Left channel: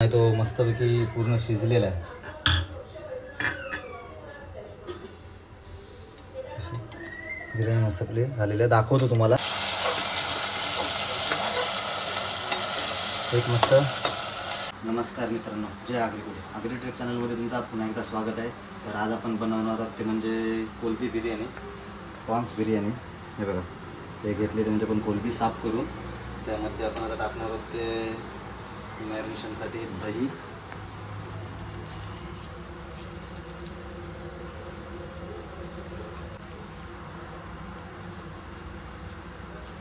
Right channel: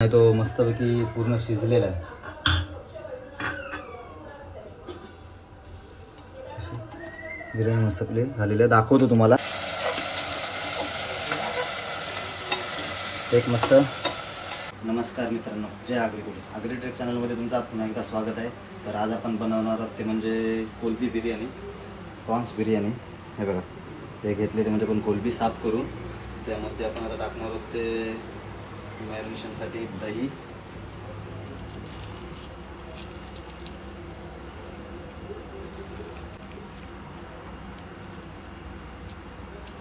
आहे तो मस्तपैकी पूर्ण शिजलेला आहे. बिर्याणी मस्तपैकी झालेली आहे, दाखवतो तुम्हाला. एक मस्त. नमस्कार मित्रांनो, जय आगरी चॅनलमध्ये तुमचं पुन्हा एकदा स्वागत आहे. तर आज आपण बनवणार आहोत ते म्हणजे कोलबी बिर्याणी, प्रॉन्स बिर्याणी. हे बघा, ते घेतले ते म्हणजे पण कोलबी साफ करून त्यामध्ये आपण आता टाकणार आहोत ते मॅरिनेशनसाठी दही,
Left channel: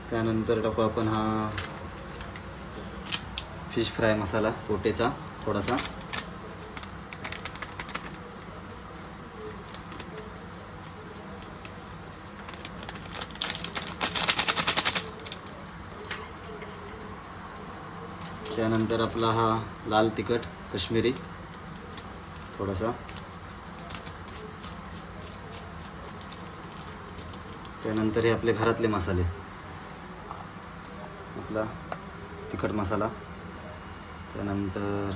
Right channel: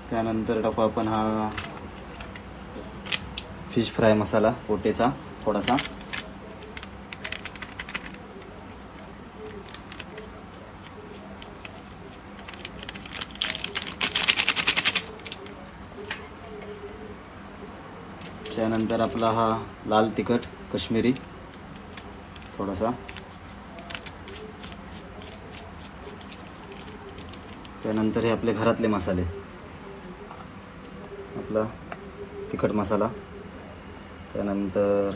त्यानंतर टाकू आपण हा फिश फ्राय मसाला पोटेचा थोडासा, त्यानंतर आपला हा लाल तिखट काश्मीरी थोडासा, त्यानंतर हे आपले घरातले मसाले, आपला तिखट मसाला, त्यानंतर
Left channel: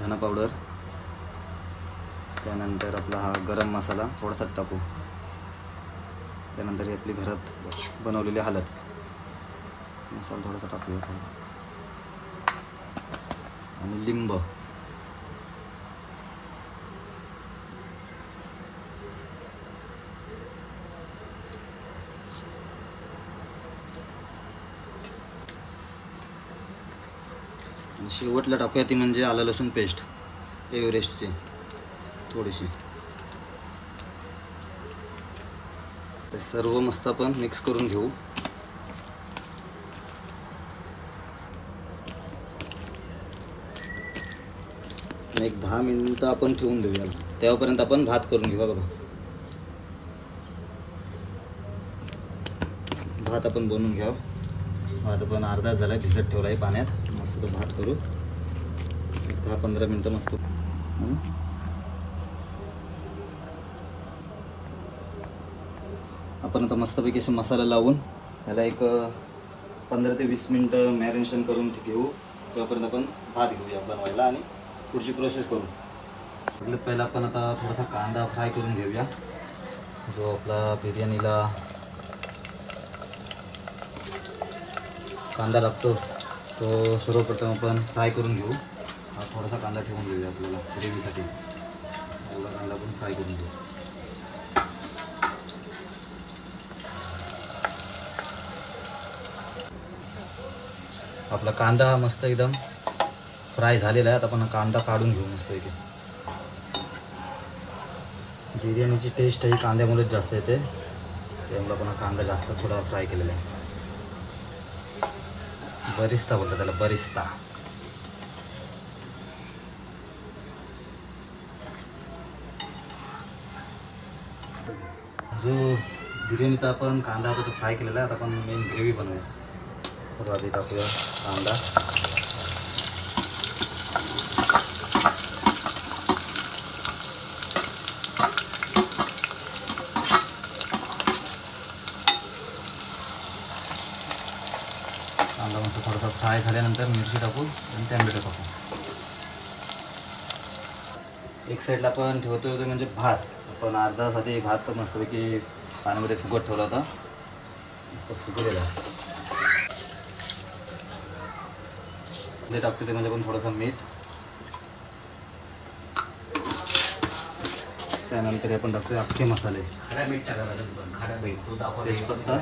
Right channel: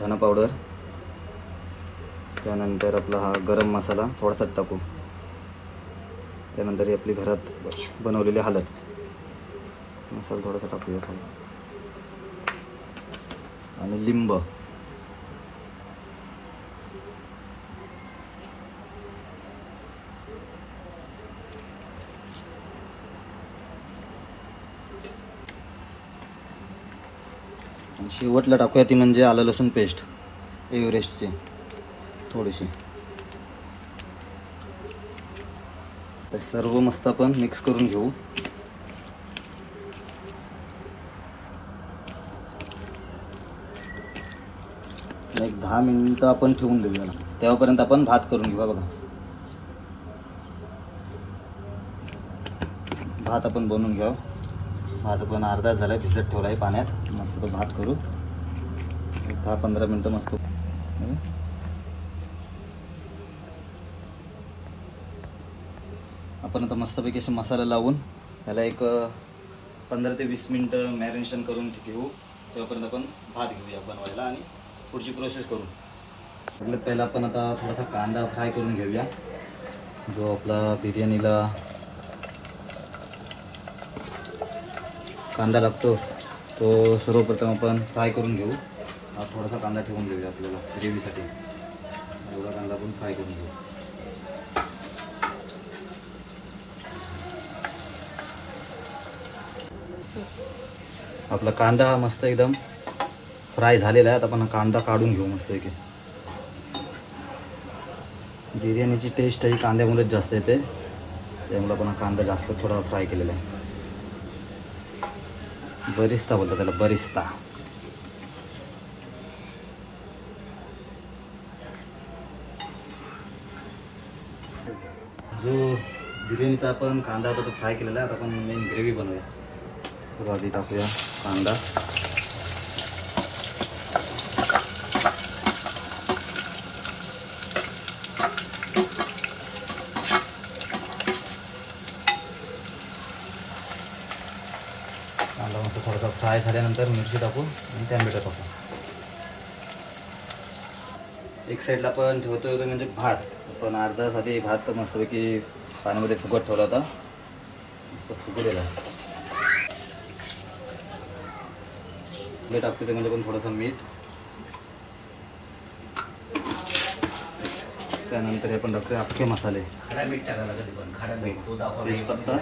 धना पावडर, त्यानंतर आपला हा गरम मसाला थोडासा टाकू, त्यानंतर ही आपली घरात बनवलेली हळद मसाला थोडासा टाकूया थोडा, आणि लिंब. शेवटला टाकूया ती म्हणजे आलं लसूण पेस्ट एव्हरेस्टची थोडीशी. तर सर्व मस्त आपण मिक्स करून घेऊ. एक 10 मिनिटं आपण ठेवून देऊया, तेव्हापर्यंत आपण भात करून घेऊ. बघा, भात आपण बनवून घ्यावं. भात आपण अर्धा झाला भिजत ठेवला आहे पाण्यात. मस्त भात करू 10-15 मिनिटं मस्त. आपण आता मस्तपैकी असे मसाला लावून त्याला एक 15 ते 20 मिनिटं मॅरिनेशन करून घेऊ. त्यापर्यंत आपण भात घेऊया बनवायला आणि पुढची प्रोसेस करू. सगळ्यात पहिला आपण आता थोडासा कांदा फ्राय करून घेऊया. जो आपला बिर्याणीला कांदा लागतो तो सर्वप्रथम आपण फ्राय करून घेऊ. हा थोडासा कांदा ठेवून घेऊया आपल्याला ग्रेव्हीसाठी. एवढा कांदा आपण फ्राय करून घेऊ. आपला कांदा मस्त एकदम फ्राय झालेला आहे. आता आपण कांदा काढून घेऊ मस्त की. बिर्याणीची टेस्ट ही कांद्यामुळेच जास्त येते, त्यामुळे आपण कांदा जास्त थोडा फ्राय केलेला आहे. बरिस्ता बोलतात त्याला, बरिस्ता. जो बिर्याणीचा आपण कांदा होता तो फ्राय केलेला आहे. आता आपण मेन ग्रेव्ही बनवूया. तर आधी टाकूया कांदा, कांदा मस्त थोडासा फ्राय झाल्यानंतर मिरची टाकू आणि टॅमॅटो टाकू. एक साईडला आपण ठेवतो तो म्हणजे भात. आपण अर्धा साठी भात मस्तपैकी पाण्यामध्ये फुगत ठेवला होता, मस्त फुगलेला. ते टाकतो ते म्हणजे पण थोडासा मीठ, त्यानंतर आपण टाकतो अख्खे मसाले, तेजपत्ता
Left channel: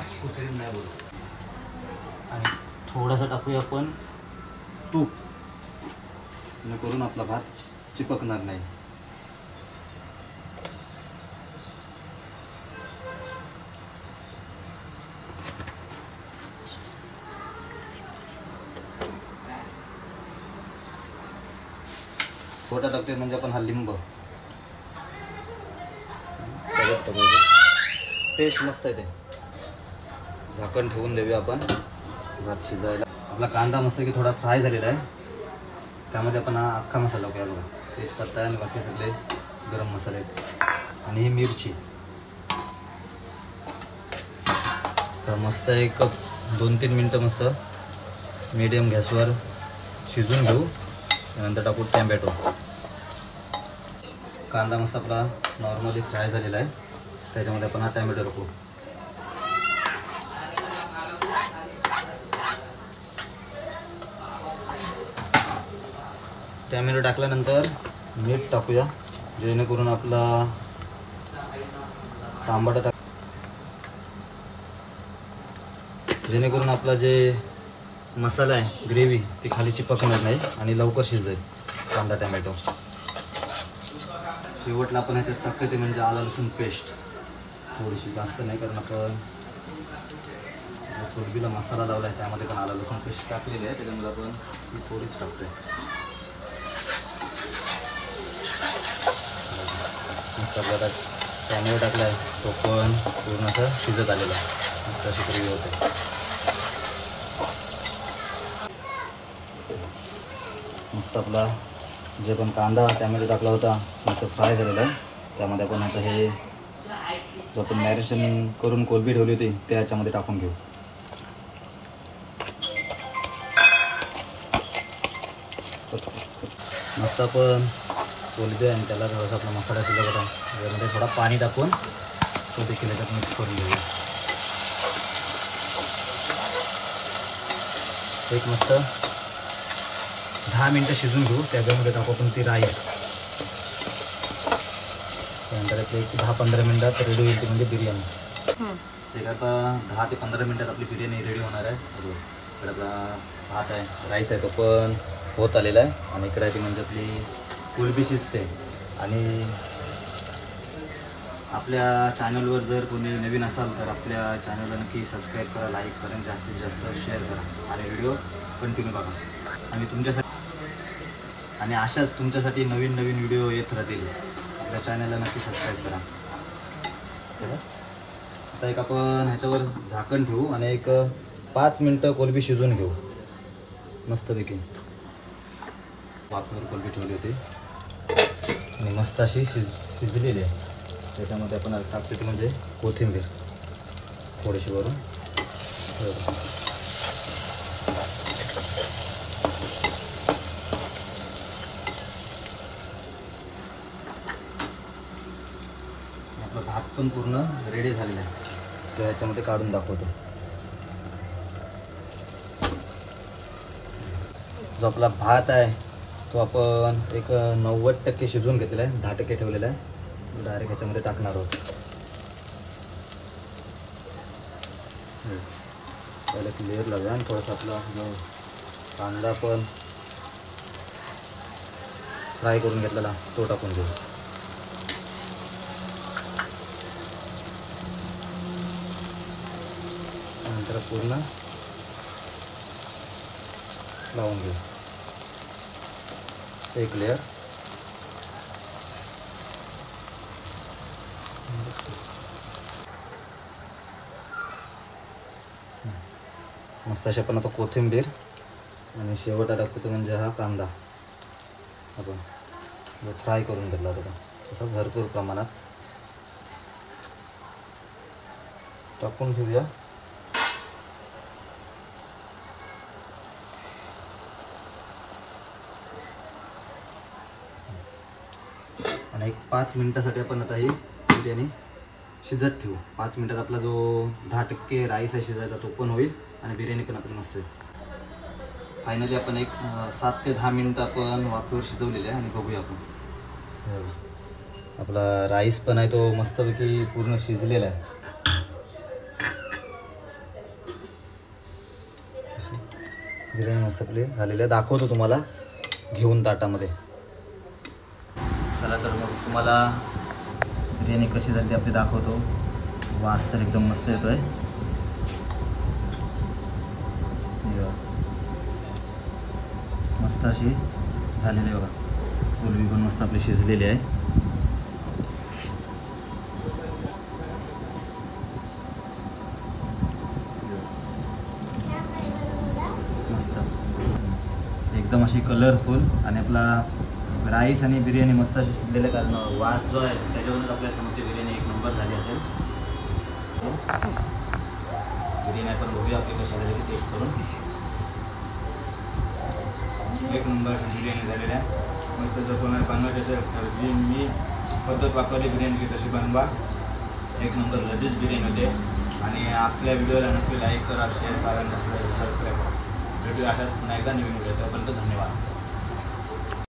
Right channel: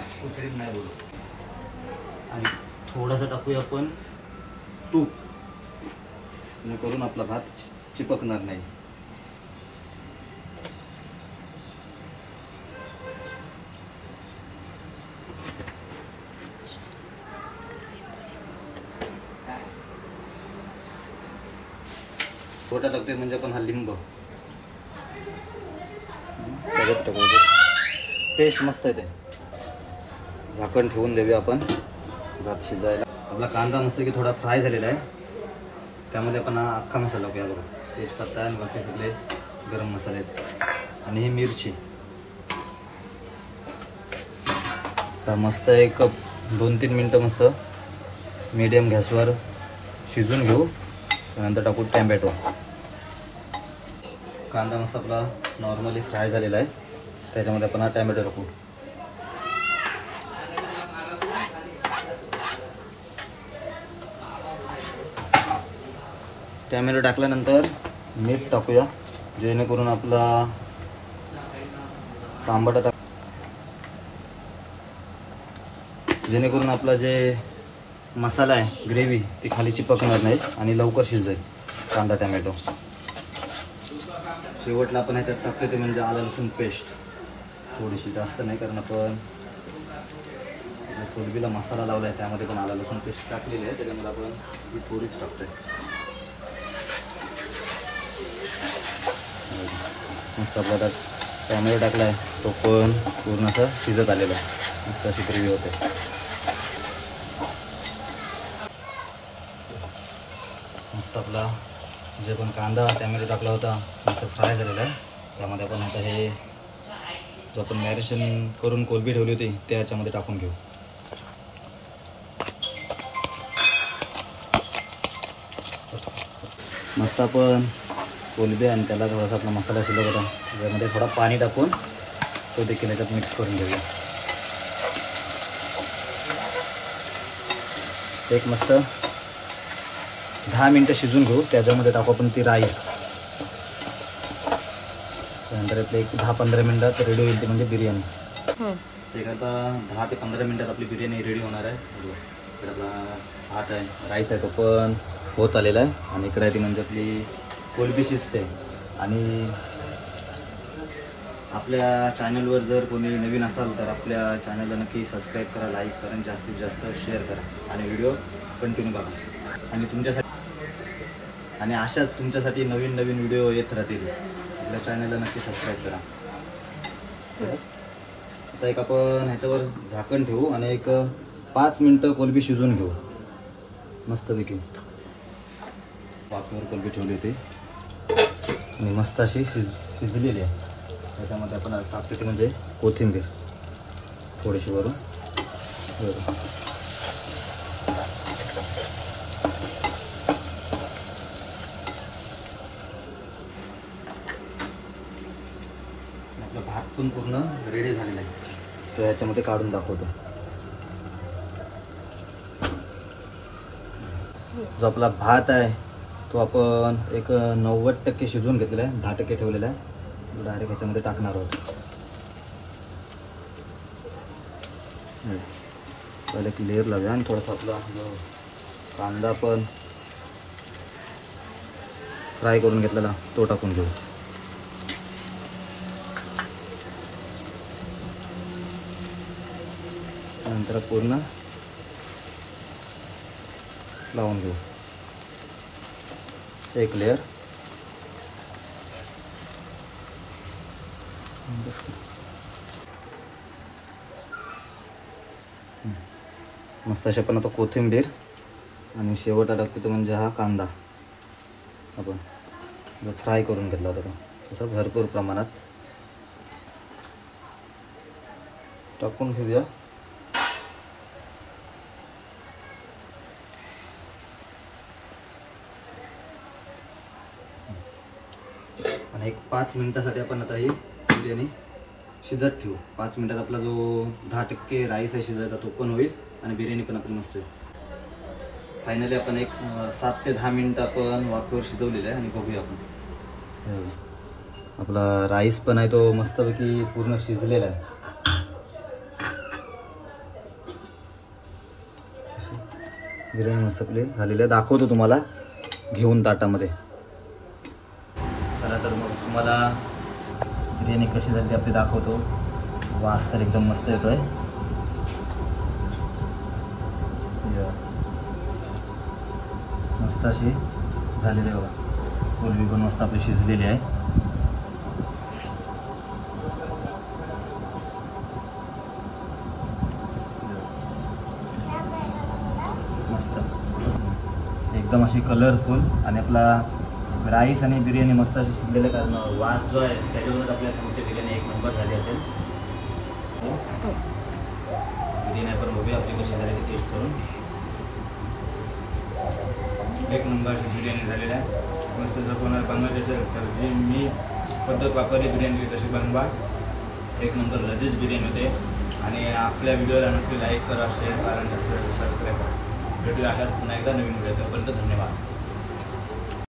आणि थोडासा टाकूया आपण तूप, जेणेकरून आपला भात चिपकणार नाही. थोडा टाकते म्हणजे आपण हा लिंब, टेस्ट मस्त येते. झाकण ठेवून देऊया आपण भात शिजायला. आपला कांदा मस्त की थोडा फ्राय झालेला आहे. त्यामध्ये आपण हा अख्खा मसाला घ्या. बघा, तेजपत्ता आणि बाकी सगळे गरम मसाले आहेत आणि ही मिरची. तर मस्त एक 2-3 मिनटं मस्त मीडियम गॅसवर शिजून घेऊ. त्यानंतर टाकू टॅमॅटो. कांदा मस्त आपला नॉर्मली फ्राय झालेला आहे, त्याच्यामध्ये आपण हा टॅमॅटो टाकू. टॅमॅटो टाकल्यानंतर मीठ टाकूया, जेणेकरून आपला तांबडा जेणेकरून आपला जे मसाला आहे ग्रेव्ही ती खाली चिपकणार नाही आणि लवकर शिजेल कांदा टॅमॅटो. शेवटला आपण ह्याच्यात टाकतो ते म्हणजे आलं लसूण पेस्ट, थोडीशी, जास्त नाही, कारण आपण कोलबीला मसाला लावला आहे त्यामध्ये पण आलं लसूण पेस्ट टाकलेली आहे, त्याच्यामुळे आपण ही थोडीच टाकतोय. टॅमॅटो टाकला आहे तो पण पूर्ण असं शिजत आलेला आहे, मस्त अशी ग्रेव्ही होते. मस्त आपला जे पण कांदा टॅमॅटो टाकला होता मस्त फ्राय झालेला आहे. त्यामध्ये आपण आता हे जो आपण मॅरिनेशन करून कोलबी ठेवली होती ते याच्यामध्ये टाकून घेऊ. मस्त आपण कोलबी आणि त्याला थोडासा आपला मसाला शिजवला होता, त्यामध्ये थोडं पाणी टाकून तो देखील याच्यात मिक्स करून घेऊया. एक मस्त 10 मिनटं शिजून घेऊ. त्याच्यामध्ये टाकू आपण ती राईस. नंतर एक 10-15 मिनटात रेडी होईल म्हणजे बिर्याणी. एक आता 10 ते 15 मिनटात आपली बिर्याणी रेडी होणार आहे. इकडे भात आहे, राईस आहे, तो पण होत आलेला आहे. आणि इकडे ती म्हणजे आपली कोलबी शिजते. आणि आपल्या चॅनलवर जर कोणी नवीन असाल तर आपल्या चॅनलला नक्की सबस्क्राईब करा, लाईक करा, जास्तीत जास्त शेअर करा आणि व्हिडिओ कंटिन्यू बघा. आणि तुमच्यासाठी आणि अशाच तुमच्यासाठी नवीन नवीन व्हिडिओ येत राहतील. आपल्या चॅनलला नक्की सबस्क्राईब करा. आता एक आपण ह्याच्यावर झाकण ठेवू आणि एक 5 मिनटं कोलबी शिजवून घेऊ मस्तपैकी. वाफेवर कोलबी ठेवली होती आणि मस्त अशी शिजलेली आहे. त्याच्यामध्ये आपण टाकतो म्हणजे कोथिंबीर थोडीशी वरून. आपला भात पण पूर्ण रेडी झालेला आहे, तो याच्यामध्ये काढून दाखवतो. जो आपला भात आहे तो आपण एक 90% शिजवून घेतलेला आहे, 10% ठेवलेला आहे. डायरेक्ट ह्याच्यामध्ये टाकणार आहोत. पहिले एक लेअर लावूया आणि थोडासा आपला कांदा पण फ्राय करून घेतलेला तो टाकून घेऊ. नंतर पूर्ण लावून घेऊ एक लेअर. मस्त अशा पण आता कोथिंबीर आणि शेवट टाकतो तो म्हणजे हा कांदा आपण फ्राय करून घेतला होता तसं भरपूर प्रमाणात टाकून घेऊया. आणि एक 5 मिनिटासाठी आपण आता ही बिर्याणी शिजत ठेवू. 5 मिनिटात आपला जो 10% राईस आहे शिजायचा तो पण होईल आणि बिर्याणी पण आपली मस्त होईल. फायनली आपण एक 7 ते 10 मिनिटं आपण वाफेवर शिजवलेलं आहे आणि बघूया आपण. आपला राईस पण आहे तो मस्तपैकी पूर्ण शिजलेला आहे. बिर्याणी मस्त आपली झालेली आहे. दाखवतो तुम्हाला घेऊन ताटामध्ये. चला तर मग तुम्हाला बिर्याणी कशी झाली आपली दाखवतो. वास तर एकदम मस्त येतोय. मस्त अशी झालेली आहे बघा. कोलबी पण मस्त आपली शिजलेली आहे. मस्त एकदम अशी कलरफुल आणि आपला राईस आणि बिर्याणी मस्त अशी शिजलेलं आहे. कारण वास जो आहे त्याच्यावरच आपल्याला समजते बिर्याणी एक नंबर झाली असेल. बिर्याणी आपण बघूया आपली कशी झाली ती टेस्ट करून. एक नंबर अशी बिर्याणी झालेली आहे. मस्त जर कोणाला बनवायची असेल तर जी मी पद्धत वापरली बिर्याणी तशी बनवा. एक नंबर लजीज बिर्याणी होते. आणि आपल्या व्हिडिओला नक्की लाईक करा, शेअर करा आणि सबस्क्राईब करा. भेटूया अशाच पुन्हा एकदा नवीन व्हिडिओ. तोपर्यंत धन्यवाद.